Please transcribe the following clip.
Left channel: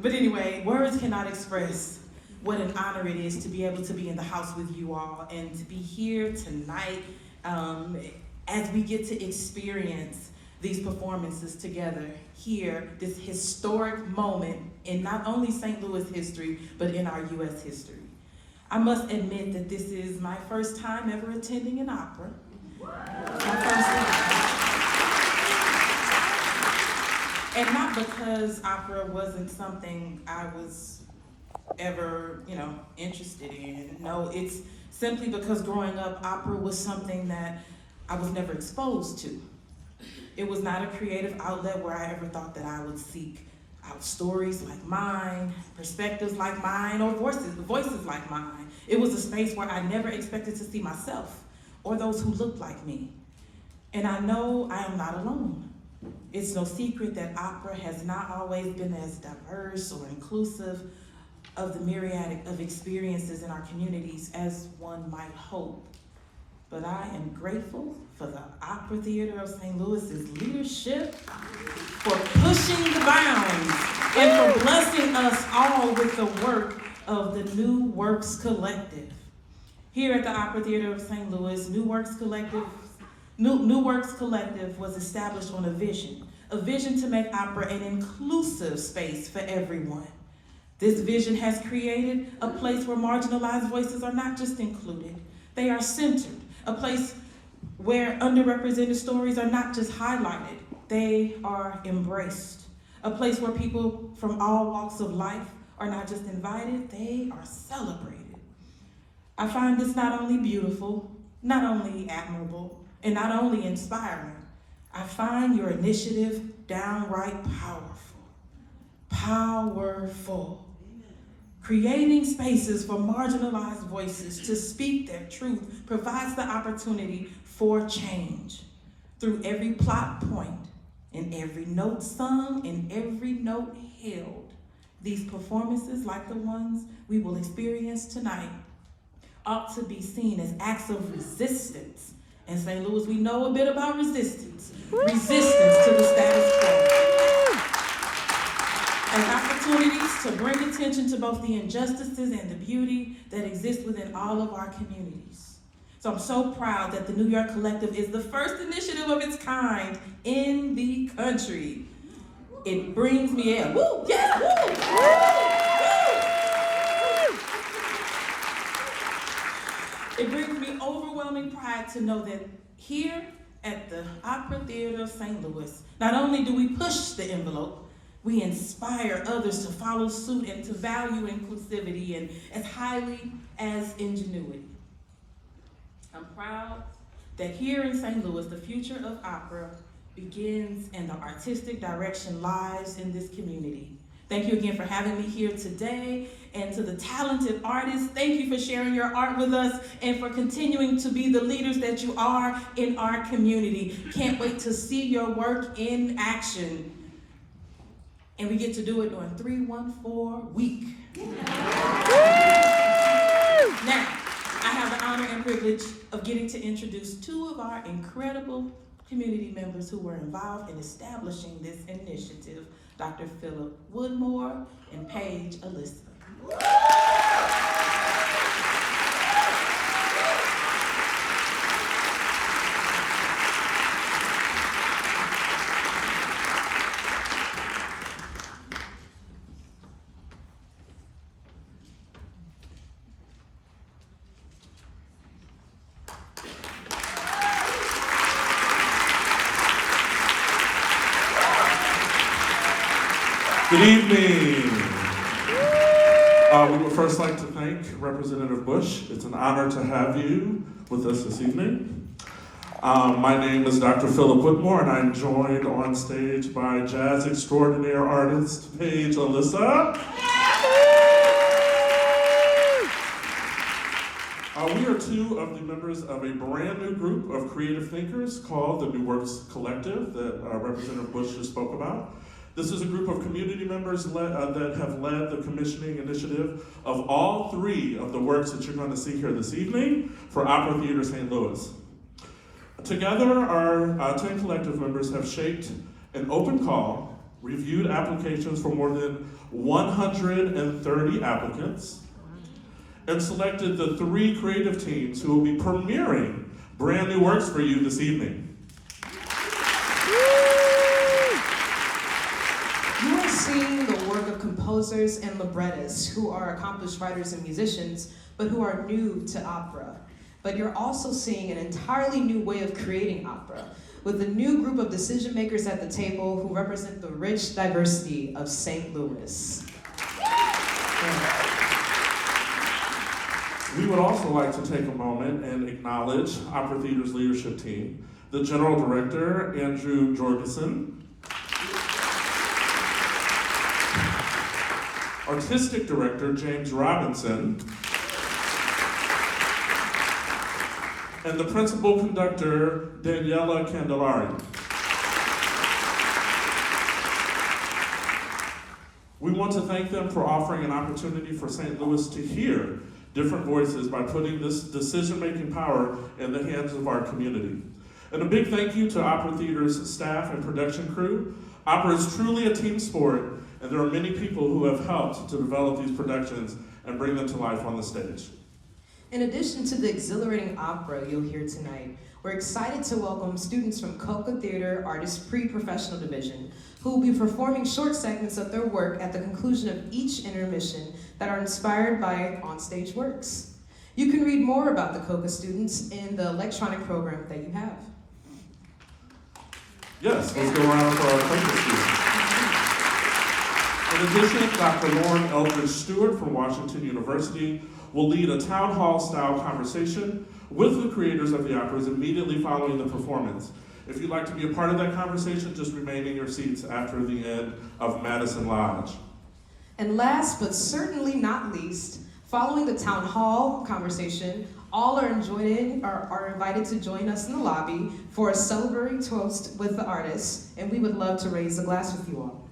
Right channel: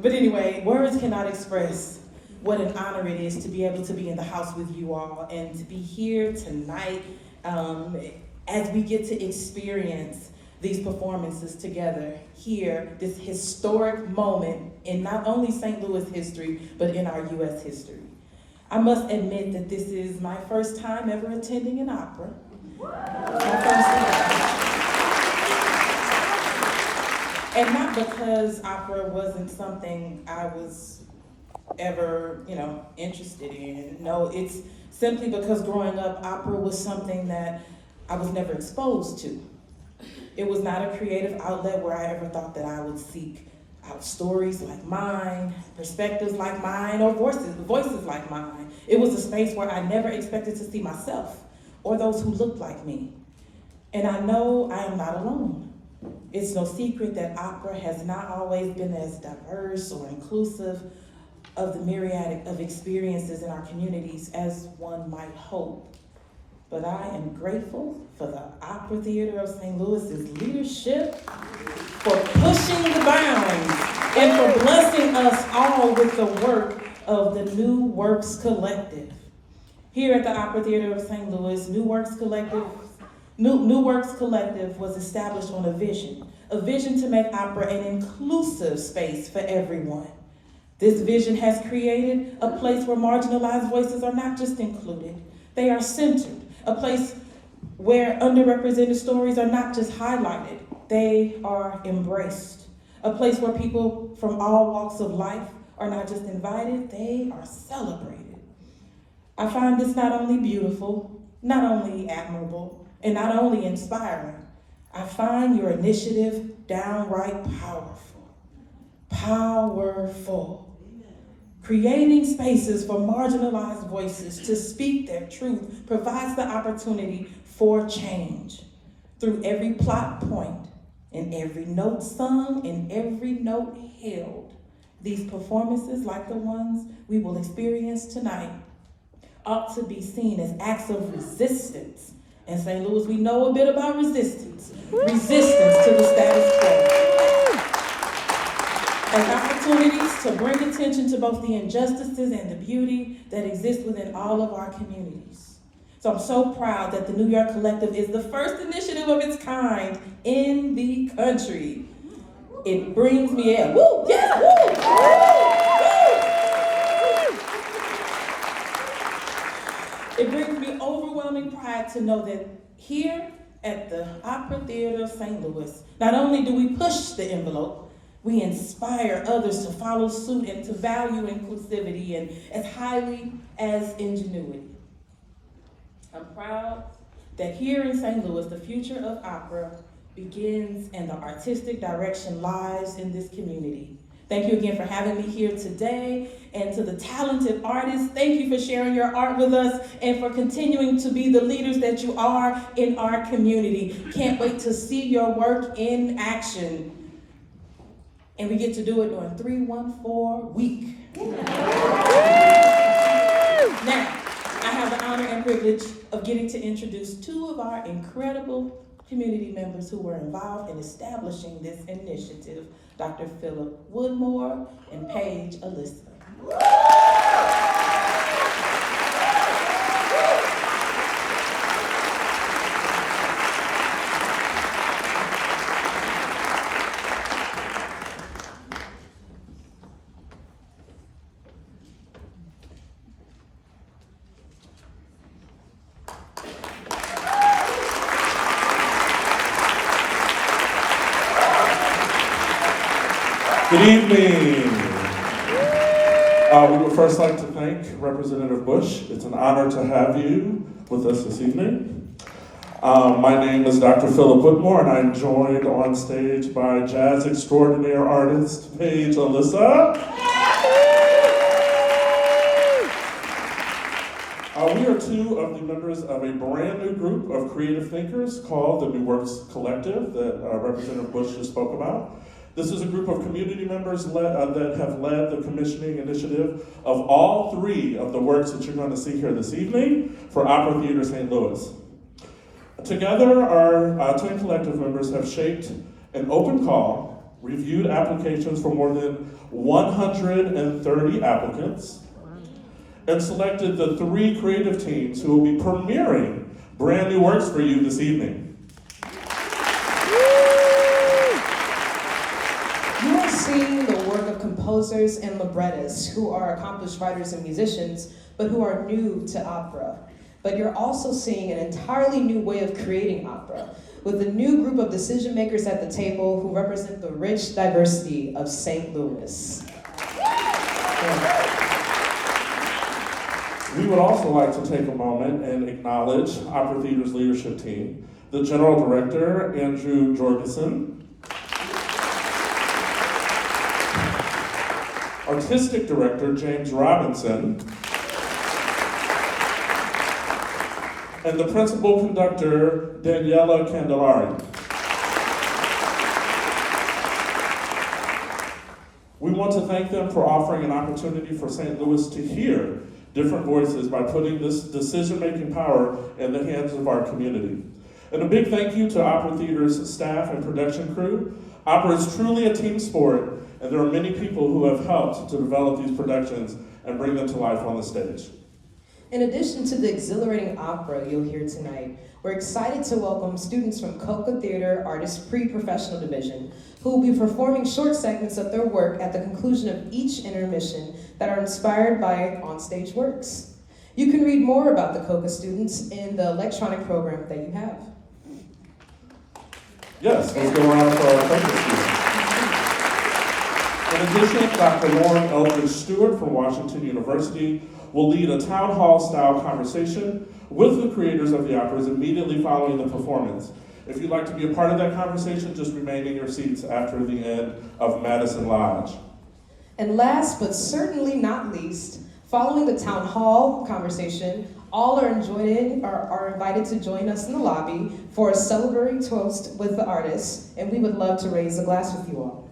But anyway, words cannot express what an honor it is to be able to be in the house with you all and to be here tonight as we get to experience these performances together here, this historic moment in not only St. Louis history, but in our U.S. history. I must admit that this is my first time ever attending an opera. My first time. And not because opera wasn't something I was ever, interested in. No, it's simply because growing up, opera was something that I was never exposed to. It was not a creative outlet where I ever thought that I would seek out stories like mine, perspectives like mine, or voices like mine. It was a space where I never expected to see myself or those who looked like me. And I know I am not alone. It's no secret that opera has not always been as diverse or inclusive of the myriad of experiences in our communities as one might hope. But I am grateful for the Opera Theater of St. Louis's leadership for pushing the bounds and for blessing us all with the work of the New Works Collective. Here at the Opera Theater of St. Louis, New Works Collective was established on a vision to make opera an inclusive space for everyone. This vision has created a place where marginalized voices are not just included, they are centered. A place where underrepresented stories are not just highlighted, they are embraced. A place where people from all walks of life are not just invited, they are celebrated. I find this not only beautiful, not only admirable, and not only inspiring, I find your initiative downright powerful. Powerful. Creating spaces for marginalized voices to speak their truth provides the opportunity for change. Through every plot point, and every note sung, and every note held, these performances, like the ones we will experience tonight, ought to be seen as acts of resistance. In St. Louis, we know a bit about resistance. Resistance to the status quo. As opportunities to bring attention to both the injustices and the beauty that exist within all of our communities. So I'm so proud that the New York Collective is the first initiative of its kind in the country. It brings me in. Woo! Yes! Woo! It brings me overwhelming pride to know that here at the Opera Theater of St. Louis, not only do we push the envelope, we inspire others to follow suit and to value inclusivity and as highly as ingenuity. I'm proud that here in St. Louis, the future of opera begins and the artistic direction lies in this community. Thank you again for having me here today, and to the talented artists, thank you for sharing your art with us and for continuing to be the leaders that you are in our community. Can't wait to see your work in action. And we get to do it during 314 week. Now, I have the honor and privilege of getting to introduce two of our incredible community members who were involved in establishing this initiative, Dr. Philip Woodmore and Paige Elizabeth. Good evening. We would first like to thank Representative Bush. It's an honor to have you with us this evening. My name is Dr. Philip Whitmore, and I'm joined on stage by jazz extraordinaire artist Paige Alyssa. We are two of the members of a brand new group of creative thinkers called the New Works Collective that Representative Bush just spoke about. This is a group of community members that have led the commissioning initiative of all three of the works that you're going to see here this evening for Opera Theater St. Louis. Together, our 10 collective members have shaped an open call reviewed applications from more than 130 applicants, and selected the 3 creative teams who will be premiering brand new works for you this evening. You are seeing the work of composers and librettists who are accomplished writers and musicians, but who are new to opera. But you're also seeing an entirely new way of creating opera, with a new group of decision makers at the table who represent the rich diversity of St. Louis. We would also like to take a moment and acknowledge Opera Theater's leadership team, the General Director, Andrew Jorgensen, Artistic Director, James Robinson, and the Principal Conductor, Daniela Candelari. We want to thank them for offering an opportunity for St. Louis to hear different voices by putting this decision-making power in the hands of our community. And a big thank you to Opera Theater's staff and production crew. Opera is truly a team sport, and there are many people who have helped to develop these productions and bring them to life on the stage. In addition to the exhilarating opera you'll hear tonight, we're excited to welcome students from Coca Theater Artists Pre-Professional Division, who will be performing short segments of their work at the conclusion of each intermission that are inspired by onstage works. You can read more about the Coca students in the electronic program that you have. Yes, let's go around for our Coca students. In addition, Dr. Lauren Eldridge Stewart from Washington University will lead a town hall style conversation with the creators of the operas immediately following the performance. If you'd like to be a part of that conversation, just remain in your seats after the end of Madison Lodge. And last but certainly not least, following the town hall conversation, all are invited to join us in the lobby for a celebratory toast with the artists, and we would love to raise a glass with you all.